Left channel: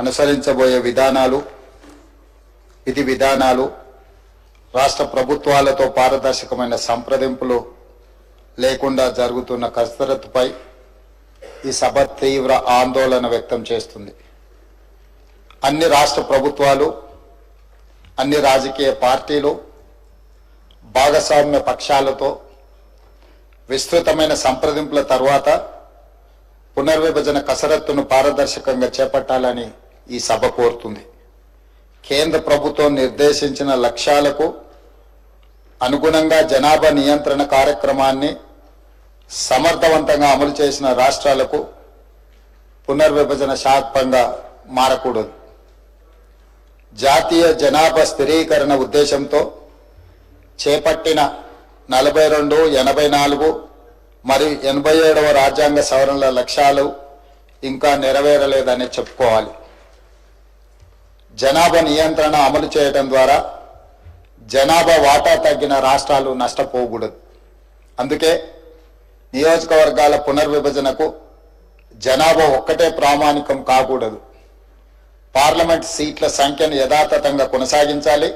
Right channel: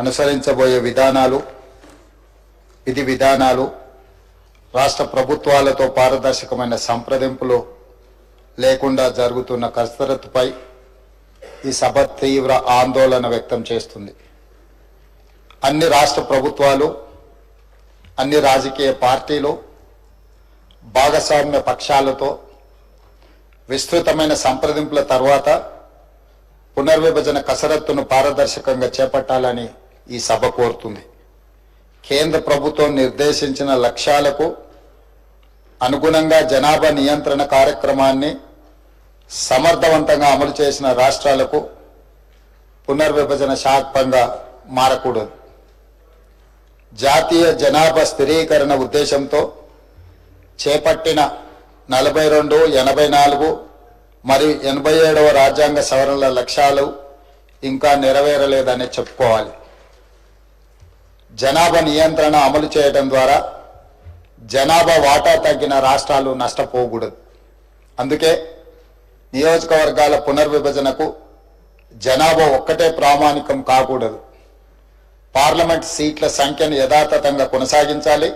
అనుసరించబోయే విధి విధానాలు రాష్ట్ర ప్రభుత్వాలతో పారదర్శకమైన సంప్రదింపులు లేకుండా జరుగుతున్న కసరత్తుపై ఈ సభ తీవ్ర ఆందోళన వ్యక్తం చేస్తుంది. అన్ని రాష్ట్ర ప్రభుత్వాలు, అన్ని రాజకీయ పార్టీలు, భాగస్వామ్య పక్షాలతో విస్తృతమైన సంప్రదింపుల తర్వాత పునర్విభజన కసరత్తును పారదర్శకంగా చేపట్టాలని ఈ సభ కోరుతుంది. కేంద్ర ప్రభుత్వం నిర్దేశించిన లక్ష్యాలకు అనుగుణంగా జనాభా నియంత్రణ కార్యక్రమాన్ని సమర్థవంతంగా అమలు చేసిన రాష్ట్రాలకు పునర్విభజన శాపంగా మారకూడదు. జాతీయ జనాభా స్థిరీకరణ ఉద్దేశంతో చేపట్టిన 42, 84 మరియు 87వ రాజ్యాంగ సవరణల లక్ష్యాలు ఇంకా నెరవేరలేదని చెప్పుకోవాలి. జనాభా నియంత్రణ అమలు చేయడం ద్వారా జనాభా వాటా తగ్గిన రాష్ట్రాలు నష్టపోకూడదు. అందుకే నియోజకవర్గాల పునర్విభజనకు జనాభా ఒక్కటే ప్రామాణికం కాకూడదు. పార్లమెంట్ సీట్ల సంఖ్యను యథాతథంగా కొనసాగించాలి.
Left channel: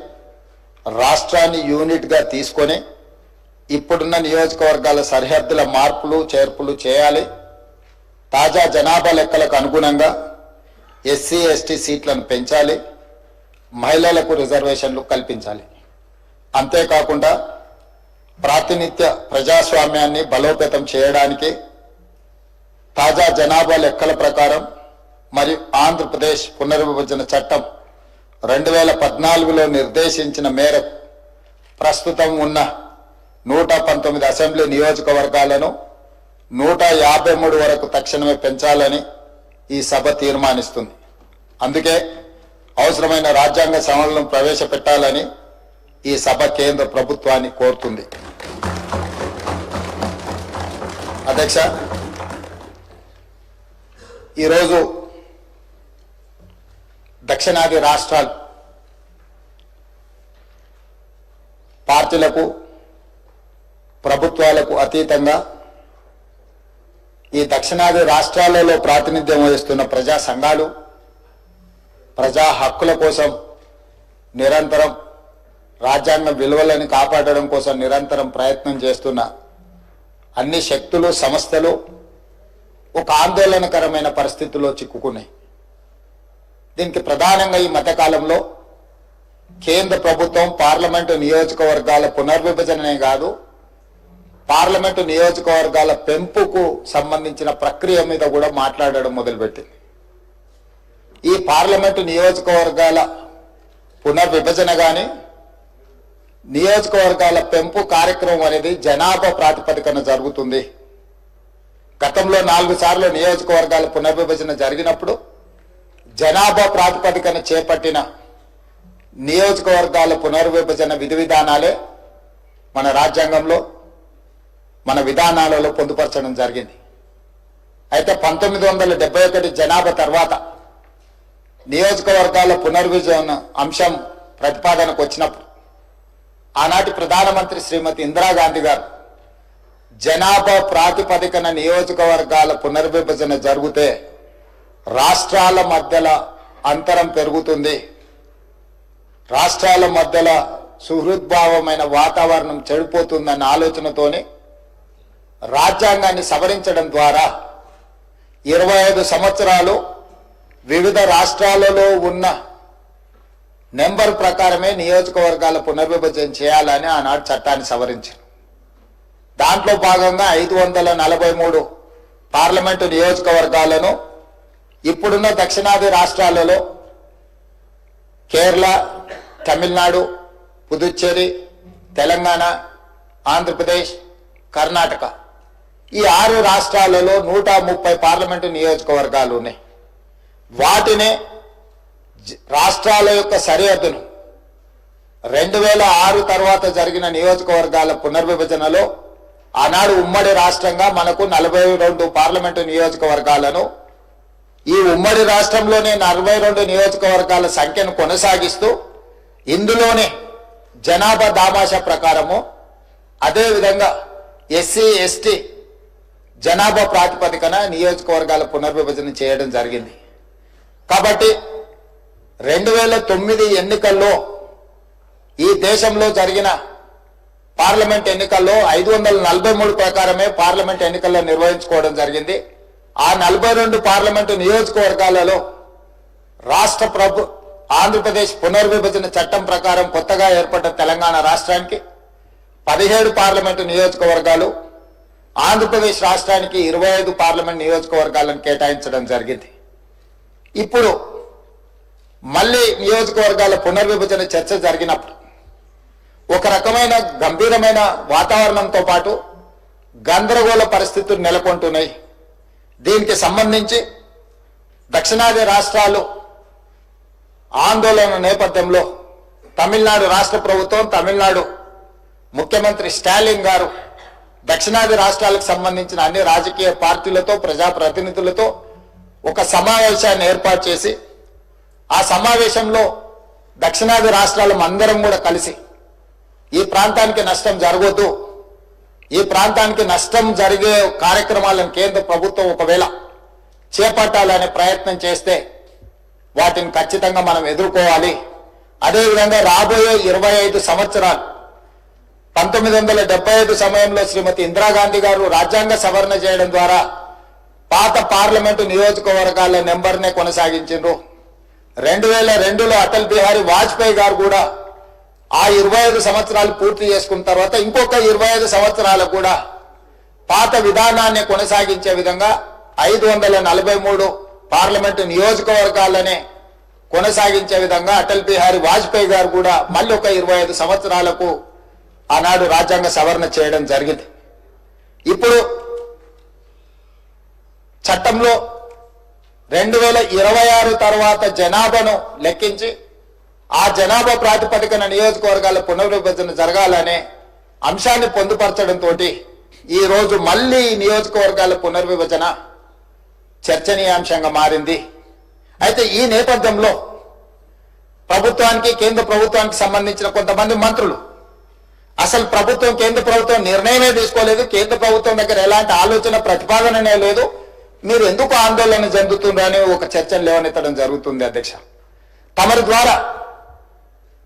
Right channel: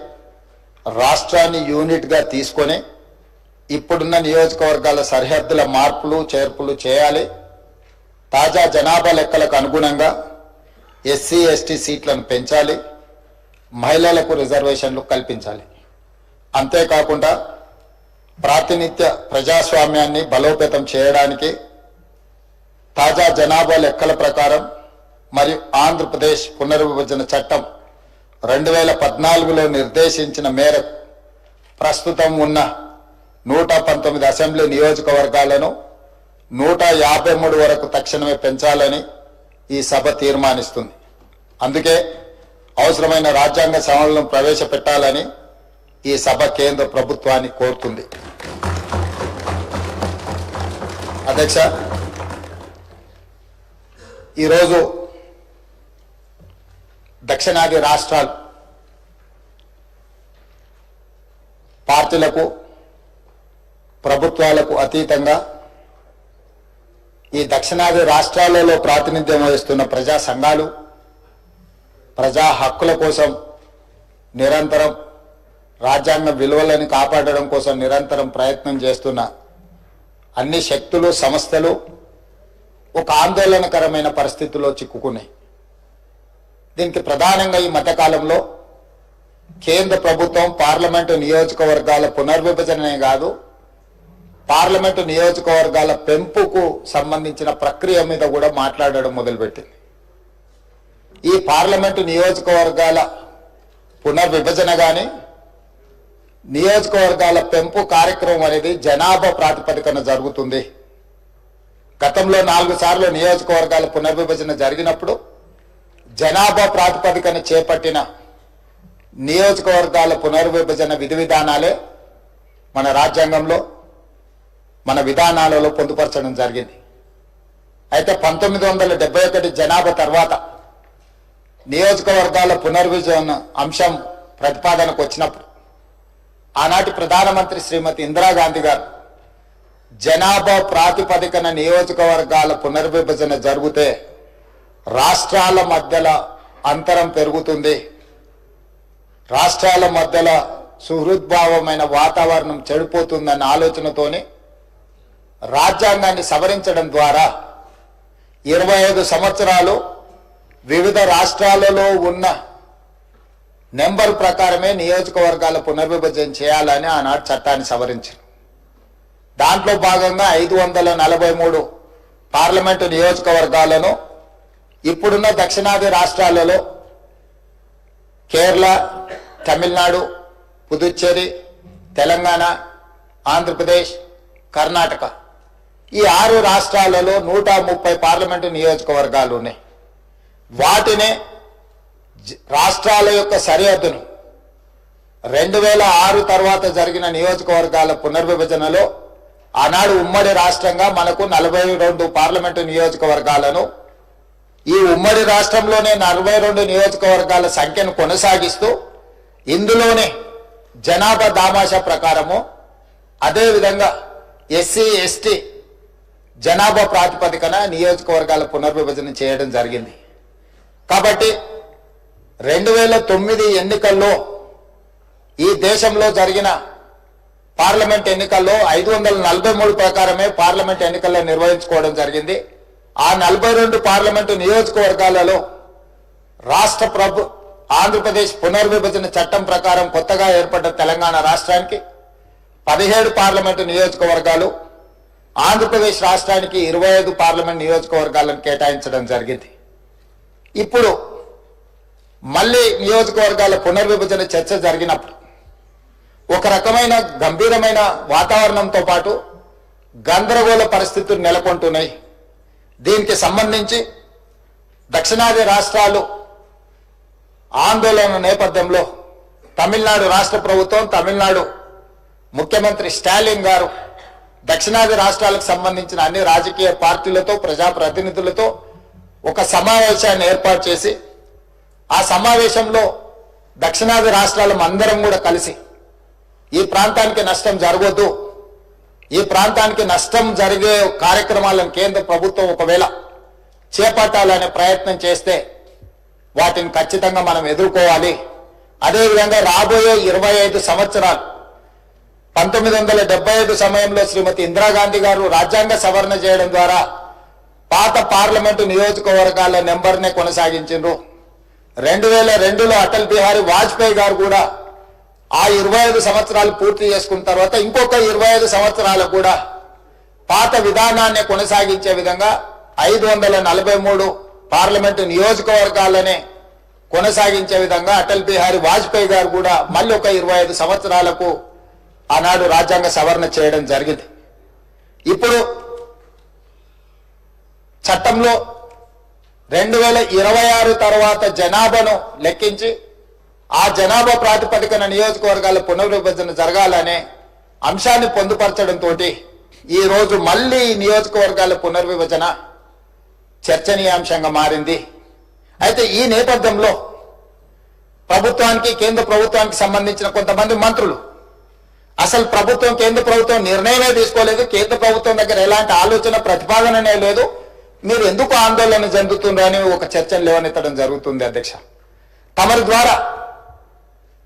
రాష్ట్రాన్ని యూనిట్గా తీసుకొని ఇప్పుడున్న నియోజకవర్గాల సరిహద్దుల మార్పులు చేర్పులు చేయాలి. తాజా జనాభా లెక్కలకు అనుగుణంగా ఎస్సీ ఎస్టీ సీట్లను పెంచాలి. మహిళలకు రిజర్వేషన్లు కల్పించాలి. అంతేకాకుండా ప్రాతినిధ్య ప్రజాస్వామ్యాన్ని బలోపేతం చేయడానికి తాజా జనాభా లెక్కల ప్రకారం మరియు ఆంధ్రప్రదేశ్ పునర్విభజన చట్టం 2014లో నిర్దేశించిన మేరకు ప్రస్తుతం ఉన్న 119 అసెంబ్లీ నియోజకవర్గాలను 153 వరకు తక్షణమే పెంచాలని ఈ సభ తీర్మానిస్తుంది. అందుకే అవసరమైన రాజ్యాంగ సవరణలను ప్రవేశపెట్టాలని ఈ సభ కేంద్ర ప్రభుత్వాన్ని కోరుతుంది. అధ్యక్ష, ఈరోజు దక్షిణాది రాష్ట్రాలు పార్టీలకు ప్రభుత్వాలకు అతీతంగా ఈ దక్షిణాది రాష్ట్రాలలో ప్రాతినిధ్యం వహిస్తున్న ప్రజా సంఘాలు ప్రజా హక్కుల కోసం నిరంతరం రాజ్యాంగ విలువలను కాపాడడం కోసం నిరంతరం ప్రయత్నం చేస్తున్న అన్ని శక్తులు సంస్థలు ఒక ఆందోళనకరమైన పరిస్థితుల్లో చిక్కుకున్నాయి. దీనికి ప్రధానంగా ఈ మధ్యకాలంలో కేంద్ర ప్రభుత్వం పార్లమెంటు నియోజకవర్గాల పునర్విభజననే కాదు, పార్లమెంటు నియోజకవర్గాల పెంపుకు సంబంధించిన ప్రక్రియ మీద కూడా మాట్లాడడం మొదలుపెట్టింది. ఈ పార్లమెంటు నియోజకవర్గాల పునర్విభజన కానీ నియోజకవర్గాల పెంపు కార్యక్రమం అనేది జనాభా ప్రాతిపదికన జరుగుతుంది. గతంలో 4 సార్లు నియోజకవర్గాల పునర్విభజన జరిగినప్పుడు జనాభా ప్రాతిపదికన చేపట్టిన నియోజకవర్గాల పునర్విభజన విధి విధానాలే మన రాజ్యాంగంలో మన విధానాలలో పొందుపరచడం జరిగింది. అయితే 1971 జనాభా తర్వాత నియోజకవర్గాల పునర్విభజన అంశం ప్రతిపాదనకు వచ్చినప్పుడు ఆనాటి ప్రధానమంత్రి శ్రీమతి ఇందిరాగాంధీ గారు జనాభా ప్రాతిపదికన నియోజకవర్గాల పునర్విభజన జరిగితే రాష్ట్రాల మధ్యలో అంతరం పెరుగుతుంది, రాష్ట్రాల మధ్యలో సుహృద్భావమైన వాతావరణం చెడిపోతుందన్న ఆలోచనతోనే రాజ్యాంగాన్ని సవరించడం ద్వారా 25 సంవత్సరాలు వివిధ రాష్ట్రాలలో ఉన్న నెంబర్ ప్రకారమే నియోజకవర్గాల పునర్విభజన చేయాలని ఆనాడు చట్టాన్ని సవరించారు. దాంట్లో భాగంగా 543 పార్లమెంటు నియోజకవర్గాలను ఇప్పుడున్న దక్షిణాది రాష్ట్రాలలో కేరళ, తమిళనాడు, పుదుచ్చేరి, తెలంగాణ, ఆంధ్రప్రదేశ్, కర్ణాటక ఈ 6 రాష్ట్రాలలో 130 పార్లమెంటు నియోజకవర్గాలు ఉన్నాయి. వాటినే రాష్ట్రాల యొక్క సరిహద్దును 2006 తర్వాత జరిగిన నియోజకవర్గాల పునర్విభజనలో ఆనాడు ఉమ్మడి రాష్ట్రంగా మనకు 42 పార్లమెంటు నియోజకవర్గాలను, ఈ ఉమ్మడి రాష్ట్రంలోనే 42 నియోజకవర్గాల సంఖ్యను కొనసాగిస్తూ ఇందులోనే జనాభా దామాషా ప్రకారము అదేవిధంగా ఎస్సీ ఎస్టీ జనాభా ప్రాతిపదికన నియోజకవర్గాల పునర్విభజన చేయడం జరిగింది. కాబట్టి 2009 ఎన్నికల్లో ఈ దేశంలో జరిగిన పార్లమెంట్ ఎన్నికల్లో 543 ప్రకారమే పార్లమెంట్ ఎన్నికల్లో నిర్వహించుకోవడం జరిగింది. ఆ 42 పార్లమెంటు నియోజకవర్గాలలో ఆంధ్రప్రదేశ్ పునర్విభజన చట్టం ప్రకారం కొత్తగా ఏర్పడ్డ తెలంగాణ రాష్ట్రానికి 17 పార్లమెంటు నియోజకవర్గాలు, ఆంధ్రప్రదేశ్ రాష్ట్రానికి 25 పార్లమెంట్ నియోజకవర్గాలను కేటాయించడం జరిగింది. ఇప్పుడు మళ్ళీ నియోజకవర్గాల పునర్విభజన చర్చ జరిగినప్పుడు ఒక రకమైన గంభీరమైన వాతావరణంతో పాటు గందరగోళ పరిస్థితులు నెలకొంటున్నాయి. దీనికి సంబంధించి దక్షిణాది రాష్ట్రాలు ఆందోళన నేపథ్యంలో తమిళనాడు రాష్ట్ర ప్రభుత్వం, తమిళనాడు ముఖ్యమంత్రి స్టాలిన్ గారు దక్షిణాది రాష్ట్రాలకు సంబంధించిన అన్ని రాజకీయ పార్టీలతో, ప్రజాప్రతినిధులతో ఒక సమావేశాన్ని ఏర్పాటు చేసి ఆ సమావేశంలో దక్షిణాది రాష్ట్రాలు అందరం కూడా కలిసి ఈ ప్రాంతానికి నష్టం జరగొద్దు, ఈ ప్రాంతానికి నష్టం జరిగే కార్యక్రమాలను కేంద్ర ప్రభుత్వం ఒకవేళ చేపట్టాలనే ప్రయత్నం చేస్తే వాటిని ఖచ్చితంగా మనం ఎదుర్కోవాలి. అదేవిధంగా రాబోయే 25 సంవత్సరాలు 1975 సమయంలో శ్రీమతి ఇందిరాగాంధీ గారు రాజ్యాంగ సవరణ చేయడం ద్వారా పాత పార్లమెంటు నియోజకవర్గాల నెంబర్నే కొనసాగించారు. 2002లో అటల్ బిహారీ వాజ్పేయి గారు కూడా ఆ 25 సంవత్సరాలు పూర్తి చేసుకున్న తర్వాత ఇంకొక 25 సంవత్సరాలకు కూడా పాత విధానాన్ని కొనసాగించే విధంగా 543 పార్లమెంటు నియోజకవర్గాలనే కొనసాగించే విధంగా అటల్ బిహారీ వాజ్పేయి గారు కూడా మళ్ళీ ఒక 25 సంవత్సరాలకు ఆనాడు రాజ్యాంగ సవరణ చేయడం జరిగింది. ఇప్పుడు చట్టంలో 2026 తర్వాత జనాభాను లెక్కించి ఆ జనాభా ప్రాతిపదికన నియోజకవర్గాల పునర్విభజన జరగాలనే అంశాన్ని పొందుపరచడంతో ఈ రోజు మళ్ళీ నియోజకవర్గాల పునర్విభజన చర్చనీయాంశంగా మారింది. అయితే ఈ నేపథ్యంలో ప్రభుత్వానికి, కేంద్ర ప్రభుత్వానికి సంబంధించిన కొంతమంది మంత్రులు అసలు కేంద్ర ప్రభుత్వం నిర్ణయమే తీసుకోలేదు, కేంద్ర ప్రభుత్వం దగ్గర ఎలాంటి ఆలోచన ప్రతిపాదననే లేదు, మీరు ఎందుకు ఆందోళన చెందుతుందని ఒక చర్చను లేవనెత్తడం జరుగుతుంది. అధ్యక్ష, తమరి ద్వారా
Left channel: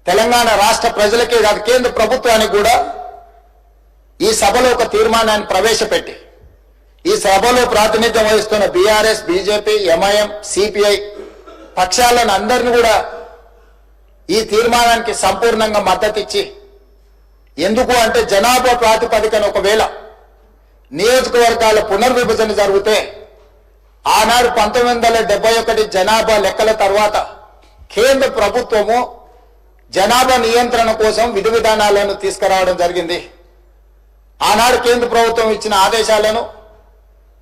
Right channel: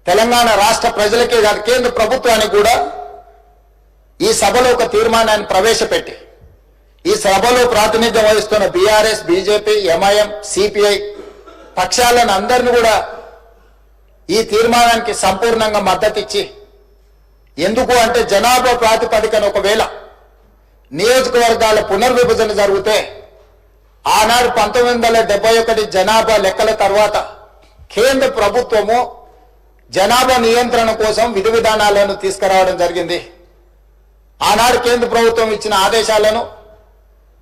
తెలంగాణ రాష్ట్ర ప్రజలకే కాదు కేంద్ర ప్రభుత్వానికి కూడా ఈ సభలో ఒక తీర్మానాన్ని ప్రవేశపెట్టి ఈ సభలో ప్రాతినిధ్యం వహిస్తున్న బీఆర్ఎస్, బీజేపీ, ఎంఐఎం, సిపిఐ పక్షాలను అందరినీ కూడా ఈ తీర్మానానికి సంపూర్ణంగా మద్దతు ఇచ్చి, ఎందుకు అంటే జనాభా ప్రాతిపదికన ఒకవేళ నియోజకవర్గాల పునర్విభజన జరిగితే ఆనాడు 1971 జనాభా లెక్కల తర్వాత కేంద్ర ప్రభుత్వము జనాభా నియంత్రణ కోసం విధి విధానాలను తీసుకురావడం జరిగింది. ఆనాడు కేంద్ర ప్రభుత్వం ఇచ్చిన ఆదేశాలను,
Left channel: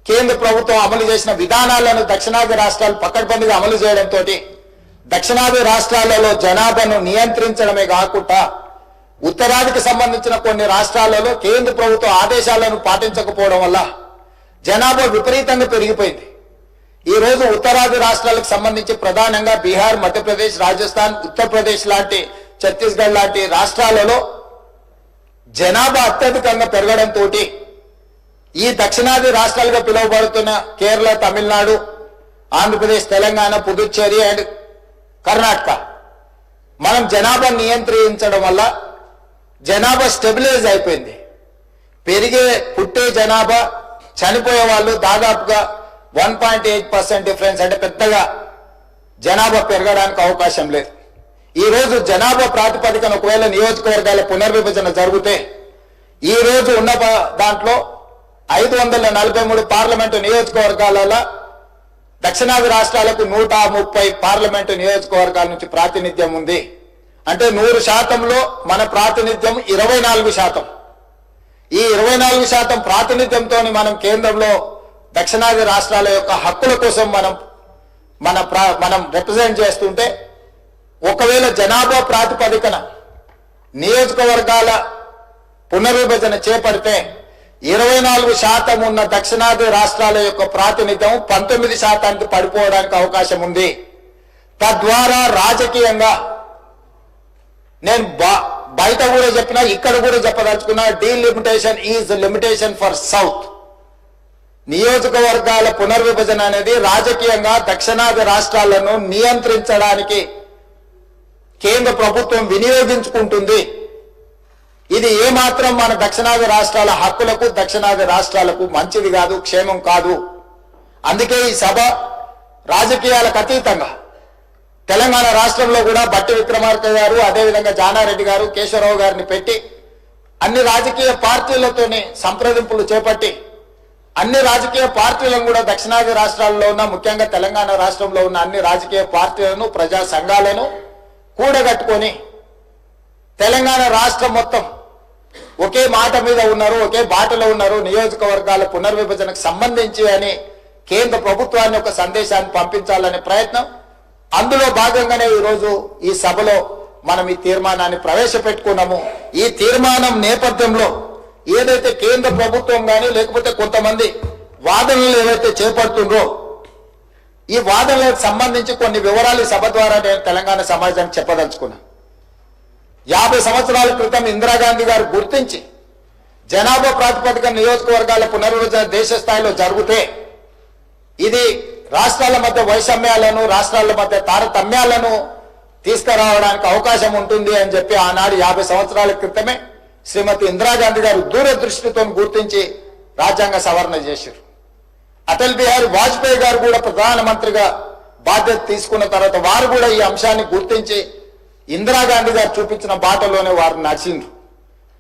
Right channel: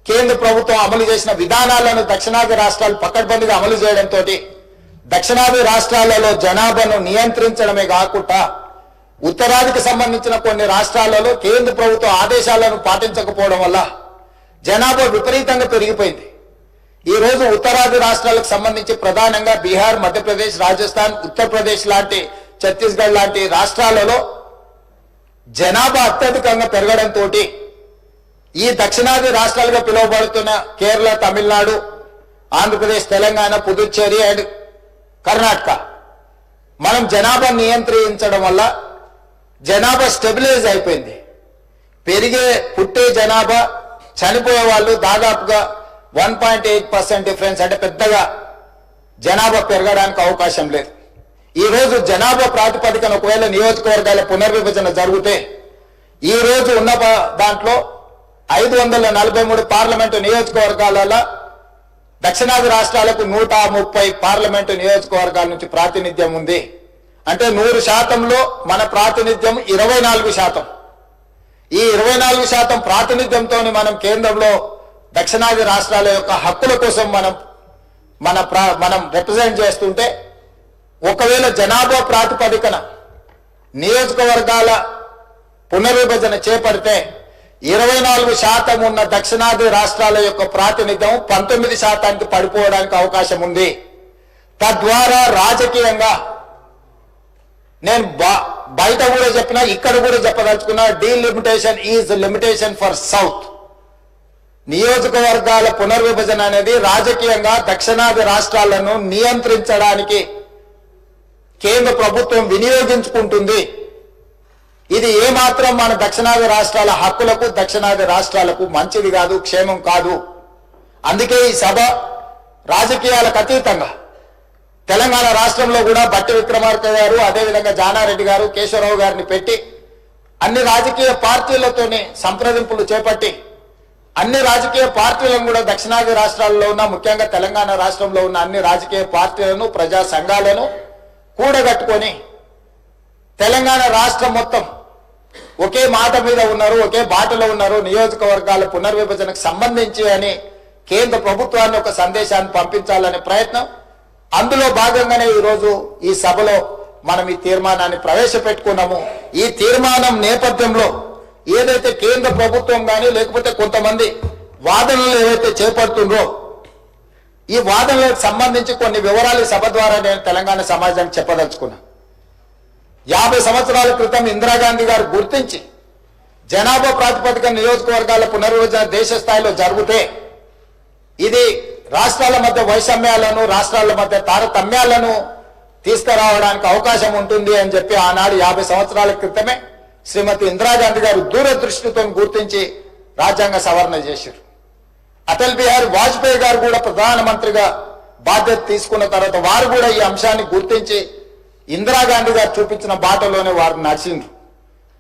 కేంద్ర ప్రభుత్వం అమలు చేసిన విధానాలను దక్షిణాది రాష్ట్రాలు పకడ్బందీగా అమలు చేయడంతో దక్షిణాది రాష్ట్రాలలో జనాభాను నియంత్రించడమే కాకుండా ఉత్తరాదికి సంబంధించిన కొన్ని రాష్ట్రాలలో కేంద్ర ప్రభుత్వ ఆదేశాలను పాటించకపోవడం వల్ల జనాభా విపరీతంగా పెరిగిపోయింది. ఈ రోజు ఉత్తరాది రాష్ట్రాలకు సంబంధించి ప్రధానంగా బీహార్, మధ్యప్రదేశ్, రాజస్థాన్, ఉత్తరప్రదేశ్ లాంటి, ఛత్తీస్గఢ్ లాంటి రాష్ట్రాలలో జనాభా అత్యధికంగా పెరగడంతో ఈ దక్షిణాది రాష్ట్రాలుగా పిలువబడుతున్న కేరళ, తమిళనాడు, ఆంధ్రప్రదేశ్, తెలంగాణ, పుదుచ్చేరి అండ్ కర్ణాటక మనం జనాభా నియంత్రించడం వల్ల జనాభా స్టెబిలైజ్ అయిపోయింది. పుట్టే జనాభా, చనిపోయే వాళ్ళు దాదాపుగా 1.8% డిఫరెన్స్, అంటే పెద్దగా జనాభా పెరగడానికి అవకాశం లేదు. ఈ రోజు జనాభా ప్రాతిపదికన ఒకవేళ నియోజకవర్గాల పునర్విభజన జరిగితే ఈ రోజు ఉన్న దాంట్లో 543 పార్లమెంటు నియోజకవర్గాలలో దక్షిణాది రాష్ట్రాలకు 130 పార్లమెంటు నియోజకవర్గాల నుంచి ప్రాతినిధ్యం ఉంది. అంటే 100%లో మన ప్రాతినిధ్యం 24%. ఈ 24% ప్రాతినిధ్యంతో మనం కేంద్రంలో దక్షిణాది రాష్ట్రాల యొక్క హక్కుల కోసం మనం రిప్రజెంట్ చేస్తుంటే, ఒకవేళ జనాభా ప్రాతిపదికన నియోజకవర్గాల పునర్విభజన చేపడితే 24% ఉన్న దక్షిణాది రాష్ట్రాల యొక్క ప్రాతినిధ్యం 19%కి పడిపోవడానికి అవకాశం ఉంది. తద్వారా రాజకీయంగా నేను బయట కూడా చెప్పినా, ఇక్కడ కూడా చెప్పదలుచుకున్నా, delimitation is limitation for south. నియోజకవర్గాల పునర్విభజన అనేది రాజకీయంగా దక్షిణాది రాష్ట్రాలను నియంత్రించడానికి కేంద్ర ప్రభుత్వం వినియోగించుకుంటుంది. ఇది ఏమాత్రం మన దక్షిణాది రాష్ట్రాల హక్కులకు, దక్షిణాది రాష్ట్రాలకు మంచిది కాదు, క్షేమం కాదు. అందుకే ఈ సభ రాజకీయాలకు అతీతంగా తెలంగాణ రాష్ట్రంలో కూడా బట్టి విక్రమార్క గారు, అదేవిధంగా జానారెడ్డి గారు, కేశవరావు గారిని పెట్టి అన్ని రాజకీయ పార్టీలతోనే సంప్రదింపులు చేపట్టి అన్ని రాజకీయ పార్టీలను కూడా దక్షిణాది రాష్ట్రాల్లో ఉన్న, ముఖ్యంగా తెలంగాణ రాష్ట్రంలో ఉన్న అన్ని రాజకీయ పార్టీలను, ప్రజా సంఘాలను కూడగట్టుకొని తెలంగాణ రాష్ట్రం మొత్తం ఒకే మాట మీద ఉన్నారు, ఒకే బాటలో ఉన్నారు, నియోజకవర్గాల పునర్విభజనకు సంబంధించి అని కేంద్ర ప్రభుత్వాన్ని ఒక సందేశాన్ని పంపించాలనే ప్రయత్నం. అందులో భాగంగానే ఈరోజు ఈ సభలో మనం ఈ తీర్మానాన్ని ప్రవేశపెట్టుకున్నాము. ఈ తీర్మానం నేపథ్యంలో ఏదైతే కేంద్ర ప్రభుత్వం కానీ లేకపోతే కొంతమంది వాదనలు ఏవైతే చేపడుతుండ్రో ఈ వాదనలకు సంబంధించి కొన్ని వివరాలు సభ ద్వారా నేను తెలంగాణ సమాజానికి చెప్పదలుచుకున్నా. 50 సంవత్సరాల క్రితం ఇందిరాగాంధీ గారు గుర్తించి జనాభా ప్రాతిపదిక నియోజకవర్గాల పునర్విభజన దేశ స్థాయిలో జరిగితే ఇది రాష్ట్రాల మధ్య వైషమ్యాలను, రాష్ట్రాల మధ్య తారతమ్యాలను తీసుకురావడానికి అవకాశం ఉంటుంది అని చెప్పి ఆనాడు 50 సంవత్సరాల క్రితమే శ్రీమతి ఇందిరాగాంధీ గారు దూరదృష్టితో గుర్తించి రాజ్యాంగ సవరణ చేశారు. అటల్ బిహారీ వాజ్పేయి గారు కూడా ప్రధానమంత్రిగా బాధ్యత తీసుకున్న తర్వాత వారు కూడా ఈ అంశాన్ని గుర్తించి ఇందిరాగాంధీ గారు చూపించిన బాటలోనే వారు నడిచిండ్రు.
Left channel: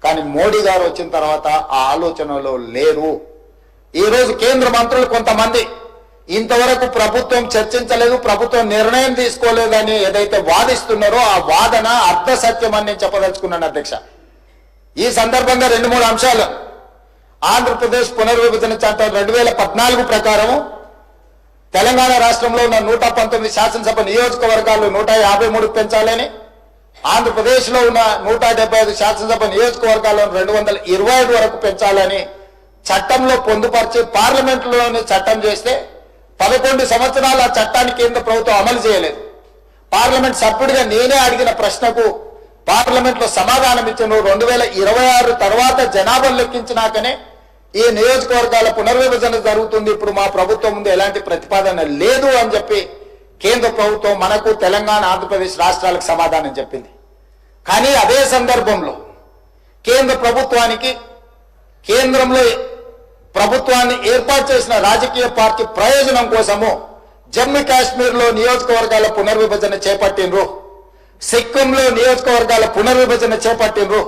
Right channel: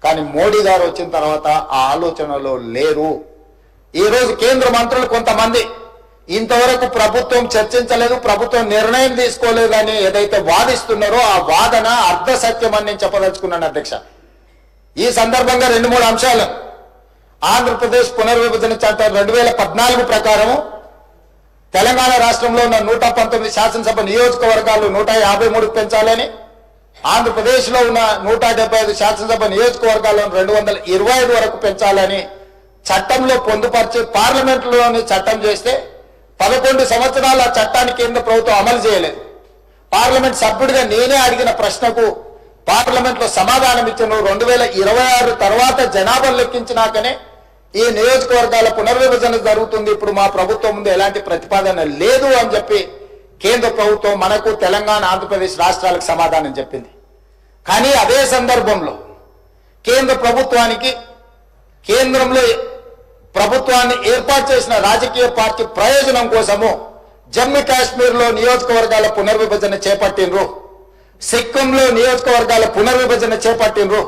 కానీ మోడీ గారు వచ్చిన తర్వాత ఆ ఆలోచనలో లేరు. ఈరోజు కేంద్ర మంత్రులు కొంతమంది ఇంతవరకు ప్రభుత్వం చర్చించలేదు, ప్రభుత్వం నిర్ణయం తీసుకోలేదని ఏదైతే వాదిస్తున్నారో ఆ వాదన అర్ధ సత్యం అని నేను చెప్పదలుచుకున్నాను అధ్యక్ష. ఈ సందర్భంగా 2-3 అంశాలు. ఆంధ్రప్రదేశ్ పునర్విభజన చట్టం 2014 ప్రకారం తెలంగాణ రాష్ట్రంలో ఉన్న 119 శాసనసభ నియోజకవర్గాలు 153 పెంచాలని, ఆంధ్రప్రదేశ్లో ఉన్న 175 శాసనసభ నియోజకవర్గాలను 225 వరకు పెంచాలని చట్టంలో పొందుపరిచి పార్లమెంటులోని చట్టం చేస్తే 11 సంవత్సరాల చట్టాన్ని కేంద్ర ప్రభుత్వం అమలు చేయలేదు. పార్లమెంట్ సభ్యుడిగా నేనే అడిగిన ప్రశ్నకు పార్లమెంట్ లో సమాధానం ఇచ్చిన 2026 తర్వాత జనాభా లెక్కించినాకనే ఈ నియోజకవర్గాల పునర్విభజన జరుగుతుంది, ఇప్పుడు మా ప్రభుత్వం ముందు ఎలాంటి ప్రతిపాదన లేదు అని చెప్పి కేంద్ర ప్రభుత్వం మనకు తెలంగాణ, ఆంధ్రప్రదేశ్ రాష్ట్రాలకు సమాధానం చెప్పింది. కానీ అదే సందర్భంలో కేంద్ర ప్రభుత్వానికి, కేంద్రంలో ప్రభుత్వాన్ని ఏర్పాటు చేసిన రాజకీయ పార్టీ ప్రయోజనం కోసము జమ్మూ కాశ్మీర్లో నియోజకవర్గాల పునర్విభజన చేపట్టినరు, సిక్కింలో నియోజకవర్గాల పునర్విభజన చేపట్టినరు.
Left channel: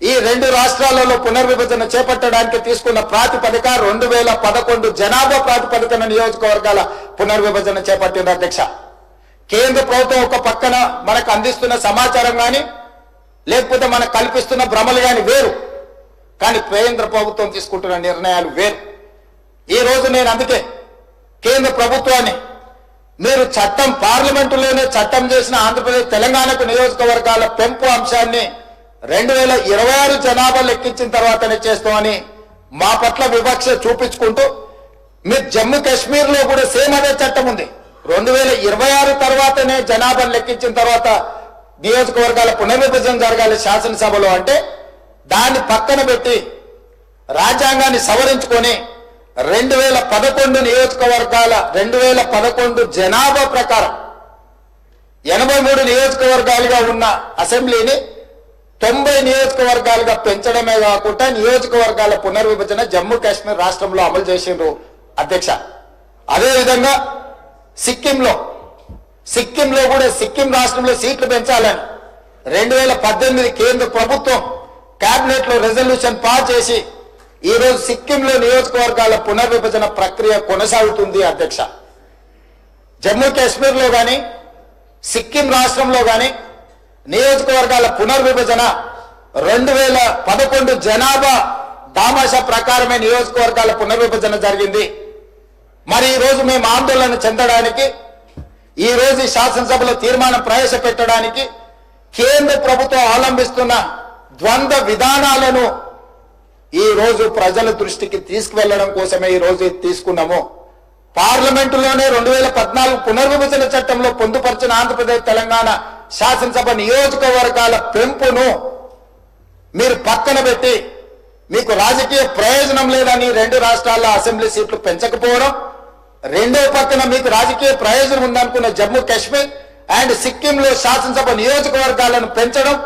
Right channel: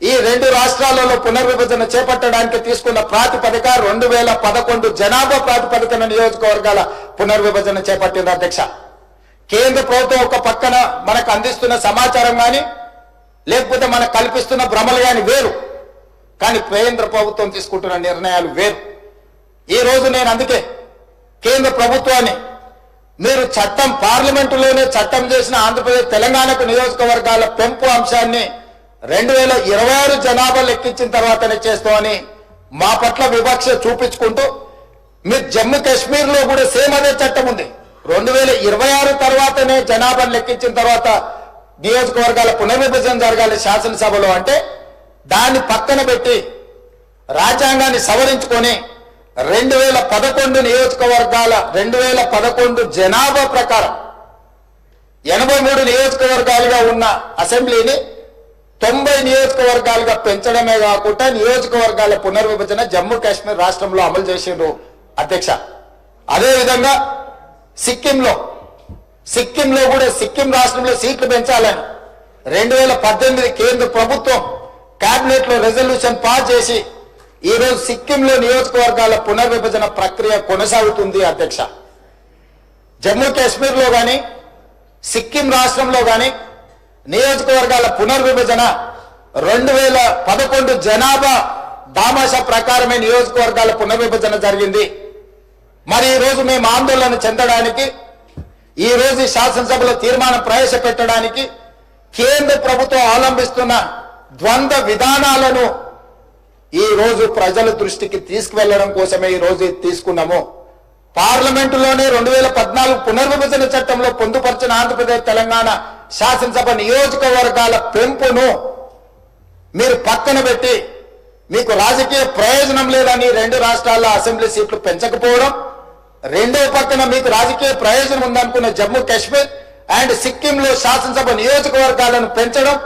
ఈ 2 రాష్ట్రాలలో పునర్విభజన చేపట్టడానికి తీసుకున్న ప్రాతిపదిక 2011 జనాభా ప్రాతిపదికన నియోజకవర్గాల పునర్విభజన చేపట్టిన అధ్యక్ష. కేంద్ర ప్రభుత్వం ఒక పక్కన మనకు అందిస్తున్న సమాచారం కానీ లేకపోతే మనకు కల్పిస్తున్న భ్రమలు కానీ వేరు, కానీ కేంద్ర ప్రభుత్వం తీసుకుంటున్న నిర్ణయాలు వేరు. ఈ రోజు నేను అందుకే కేంద్ర ప్రభుత్వాన్ని, మీరు చట్టం పార్లమెంటులోనే చట్టం చేసిన ఆంధ్రప్రదేశ్ తెలంగాణకు నియోజకవర్గాల పెంపు అంశాన్ని 2026 జనాభా లెక్కించిన తర్వాతనే చేస్తామని మా పట్ల వివక్ష చూపించుకుంటూ, మీరు జమ్మూ కాశ్మీర్లో కూడా సేమ్ అదే చట్టం ఉంది. 2026 తర్వాతనే జనాభా లెక్కించిన తర్వాత నియోజకవర్గాల పునర్విభజన జరగాలి శాసనసభలో అంటే దాన్ని పక్కన పెట్టి రాజ్యాంగాన్ని సవరించుకొని 2011 నియోజకవర్గాల 2011 జనాభా ప్రకారం 83 నియోజకవర్గాలుగా ఉన్న అసెంబ్లీని 90 నియోజకవర్గాలుగా పెంచడమే కాకుండా నియోజకవర్గాల పునర్విభజన జమ్మూ కాశ్మీర్ రాష్ట్రంలో అమలు చేసిండ్రు అధ్యక్ష. అదేవిధంగా సిక్కింలో కూడా సిక్కిం రాష్ట్రంలో సీట్లు పెంచాలని 2018 కేంద్ర ప్రభుత్వం కేబినెట్ లో రెజల్యూషన్ పాస్ చేసి ఈ రోజు సిక్కింలో నియోజకవర్గాల పునర్విభజన ప్రక్రియ కొనసాగుతుంది అధ్యక్ష. జమ్మూ కాశ్మీర్లో కానీ సిక్కిం రాష్ట్రంలో కానీ నియోజకవర్గాల పునర్విభజన 2011 జనాభా దామాషా ప్రకారమే నియోజకవర్గాల పునర్విభజన జరిగింది. మరి ఈ రోజు మేము ఆందోళన చెందడానికి, ఈ రోజు శాసనసభలో తీర్మానం ప్రవేశపెట్టడానికి కేంద్ర ప్రభుత్వం అవలంబిస్తున్న ద్వంద్వ విధానాలను ఈ రోజు ప్రజల దృష్టికి తీసుకువెళ్లడం కోసమే ఈ రోజు తీసుకున్నాము. పార్లమెంటులోనే 2014 పునర్విభజన చట్టంలో పొందుపరిచిన ఆంధ్రప్రదేశ్ తెలంగాణ శాసనసభ నియోజకవర్గాల పెంపును మీరు పక్కన పెట్టి మీకు రాజకీయ ప్రయోజనం లేదని 2 రాష్ట్రాల అసెంబ్లీ సీట్లు పెంచకపోవడం, రెండో పక్కన మీకు రాజకీయ ప్రయోజనం ఉందనుకున్న జమ్మూ కాశ్మీర్, అండ్ సిక్కింలో శాసనసభ నియోజకవర్గాలను పెంచడం,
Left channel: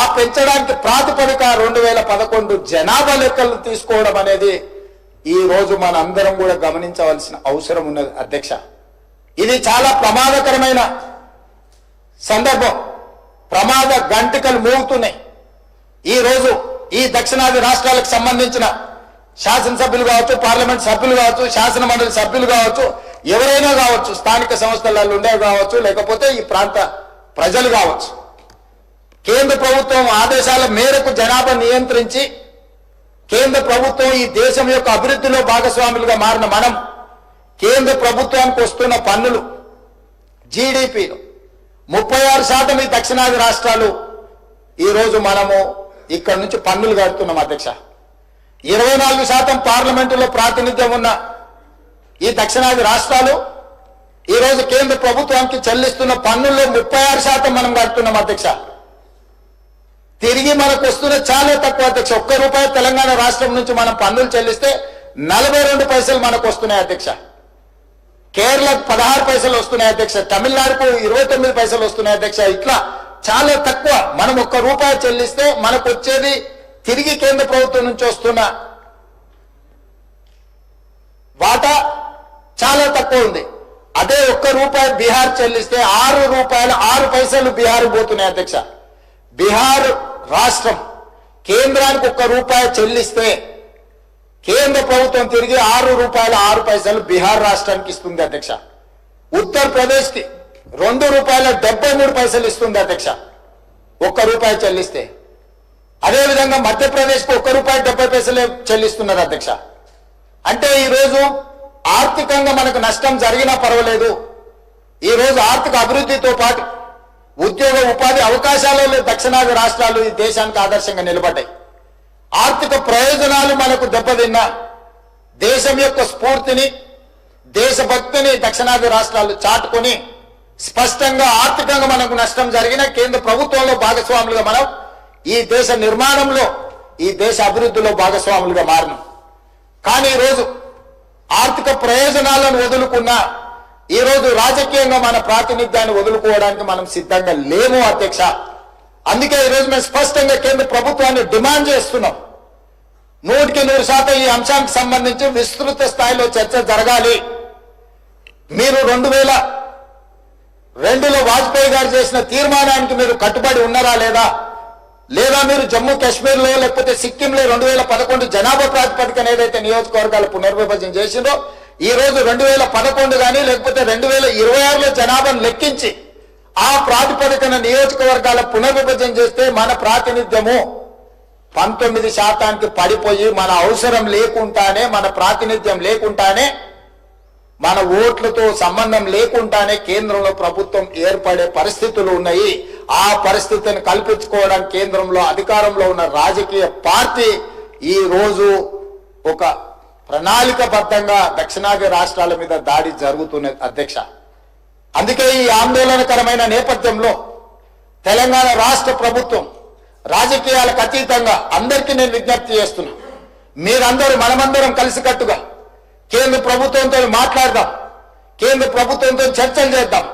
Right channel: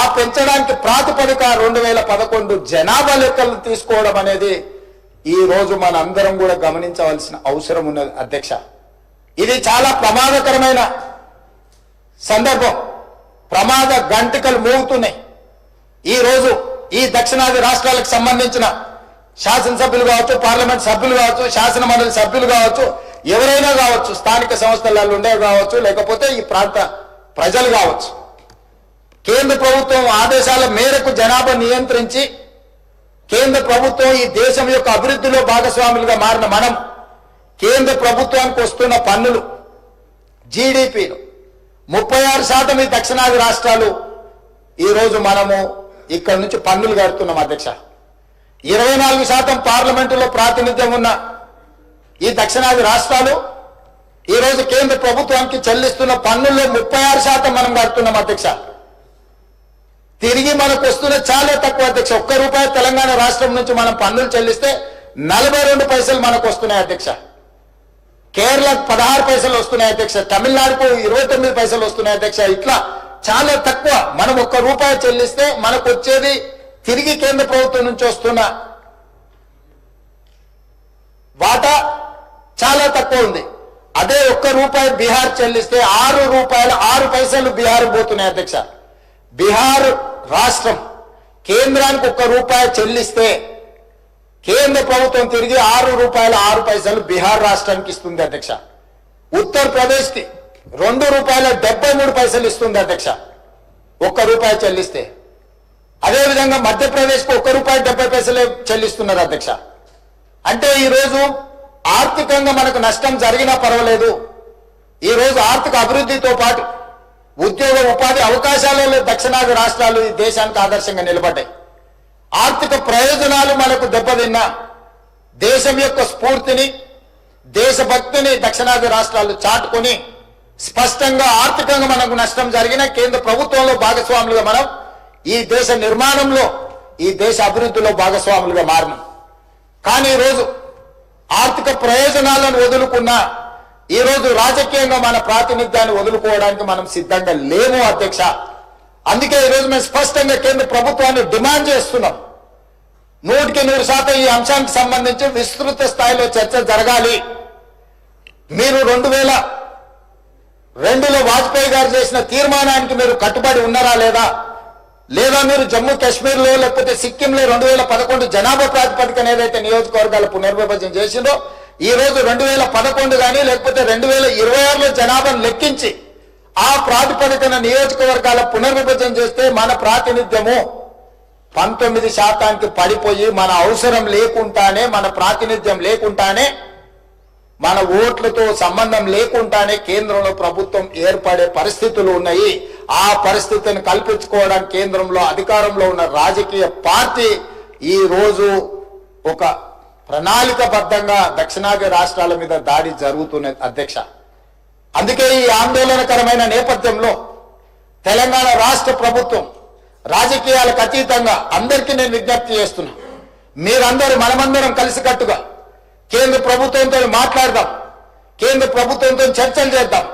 ఆ పెంచడానికి ప్రాతిపదిక 2011 జనాభా లెక్కలు తీసుకోవడం అనేది ఈ రోజు మన అందరం కూడా గమనించవలసిన అవసరం ఉన్నది అధ్యక్ష. ఇది చాలా ప్రమాదకరమైన సందర్భం. ప్రమాద గంటికలు మోగుతున్నాయి. ఈ రోజు ఈ దక్షిణాది రాష్ట్రాలకు సంబంధించిన శాసనసభ్యులు కావచ్చు, పార్లమెంట్ సభ్యులు కావచ్చు, శాసన మండలి సభ్యులు కావచ్చు, ఎవరైనా కావచ్చు, స్థానిక సంస్థలలో ఉండే కావచ్చు, లేకపోతే ఈ ప్రాంత ప్రజలు కావచ్చు, కేంద్ర ప్రభుత్వం ఆదేశాల మేరకు జనాభా నియంత్రించి కేంద్ర ప్రభుత్వం ఈ దేశం యొక్క అభివృద్ధిలో భాగస్వాములుగా మారిన మనం కేంద్ర ప్రభుత్వానికి వస్తున్న పన్నులు జీడిపిలో 36% ఈ దక్షిణాది రాష్ట్రాలు ఈరోజు మనము ఇక్కడ నుంచి పన్నులు కడుతున్నాం అధ్యక్ష. 24% పార్లమెంటులో ప్రాతినిధ్యం ఉన్న ఈ దక్షిణాది రాష్ట్రాలు ఈరోజు కేంద్ర ప్రభుత్వానికి చెల్లిస్తున్న పన్నుల్లో 36% మనం కడుతున్నాం అధ్యక్ష. తిరిగి మనకు వస్తున్న చాలా తక్కువ అధ్యక్ష. ₹1 తెలంగాణ రాష్ట్రం నుంచి మనం పన్నులు చెల్లిస్తే 42 పైసలు మనకు వస్తున్నాయి అధ్యక్ష. కేరళకు 16 పైసలు వస్తున్నాయి అధ్యక్ష. తమిళనాడుకు 29 పైసలు వస్తున్నాయి అధ్యక్ష. ఇట్లా చాలా తక్కువ. మనం ₹1 చెల్లిస్తే మనకు వచ్చేది తిరిగి కేంద్ర ప్రభుత్వం నుంచి వస్తున్న వాటా చాలా తక్కువ ఉంది. అదే ₹1 బీహార్ చెల్లిస్తే ₹6 పైసలు బీహార్ పోతున్నాయి అధ్యక్ష. బీహార్ రాష్ట్రం కేంద్రానికి ₹1 చెల్లిస్తే కేంద్ర ప్రభుత్వం తిరిగి ₹6 బీహార్ రాష్ట్రానికి ఇస్తుంది అధ్యక్ష. ఉత్తరప్రదేశ్ కి ₹2.73 ఇస్తుంది అధ్యక్ష ₹1 చెల్లిస్తే. అదేవిధంగా మధ్యప్రదేశ్ కు ₹1.70 చెల్లిస్తున్నారు అధ్యక్ష. అంటే ఈరోజు ఆర్థికంగా మనకు నష్టం జరిగినా పర్వాలేదు. ఈరోజు ఆర్థిక అభివృద్ధితో పాటు ఉద్యోగ ఉపాధి అవకాశాలలో దక్షిణాది రాష్ట్రాలు ఈ దేశానికి ఆదర్శంగా నిలబడ్డాయి. ఆర్థిక ప్రయోజనాలు మనకు దెబ్బతిన్నా దేశం యొక్క స్ఫూర్తిని, దేశభక్తిని దక్షిణాది రాష్ట్రాలు చాటుకొని స్పష్టంగా ఆర్థికంగా మనకు నష్టం జరిగిన కేంద్ర ప్రభుత్వంలో భాగస్వాములుగా మనం ఈ దేశ నిర్మాణంలో, ఈ దేశ అభివృద్ధిలో భాగస్వాములుగా మారినాం. కానీ ఈరోజు ఆర్థిక ప్రయోజనాలను వదులుకున్నా ఈరోజు రాజకీయంగా మన ప్రాతినిధ్యాన్ని వదులుకోవడానికి మనం సిద్ధంగా లేము అధ్యక్ష. అందుకే ఈరోజు మేము స్పష్టంగా కేంద్ర ప్రభుత్వాన్ని డిమాండ్ చేస్తున్నాం. 100% ఈ అంశానికి సంబంధించి విస్తృత స్థాయిలో చర్చ జరగాలి. మీరు 2002లో వాజ్పేయి గారు చేసిన తీర్మానానికి మీరు కట్టుబడి ఉన్నారా లేదా మీరు జమ్మూ కాశ్మీర్లో లేకపోతే సిక్కింలో 2011 జనాభా ప్రాతిపదికన ఏదైతే నియోజకవర్గాల పునర్విభజన చేసిందో ఈ రోజు 2011 కానీ లేకపోతే 2026లో జనాభాను లెక్కించి ఆ ప్రాతిపదికన నియోజకవర్గాల పునర్విభజన చేస్తే మన ప్రాతినిధ్యము 19% పడిపోయి మన అవసరం లేకుండానే, మన ప్రాతినిధ్యం లేకుండానే, మన ఓట్లతో సంబంధం లేకుండానే కేంద్రంలో ప్రభుత్వం ఏర్పడే పరిస్థితులు ఉన్నాయి. ఆ పరిస్థితిని కల్పించుకోవడానికి కేంద్రంలో అధికారంలో ఉన్న రాజకీయ పార్టీ ఈ రోజు ఒక ప్రణాళికబద్ధంగా దక్షిణాది రాష్ట్రాల మీద దాడి జరుగుతున్నది అధ్యక్ష. అందుకే ఈ ఆందోళనకరమైన నేపథ్యంలో తెలంగాణ రాష్ట్ర ప్రభుత్వం రాజకీయాలకు అతీతంగా అందరికీ నేను విజ్ఞప్తి చేస్తున్నా, మీరందరూ మనమందరం కలిసికట్టుగా కేంద్ర ప్రభుత్వంతో మాట్లాడదాం, కేంద్ర ప్రభుత్వంతో చర్చలు చేద్దాం.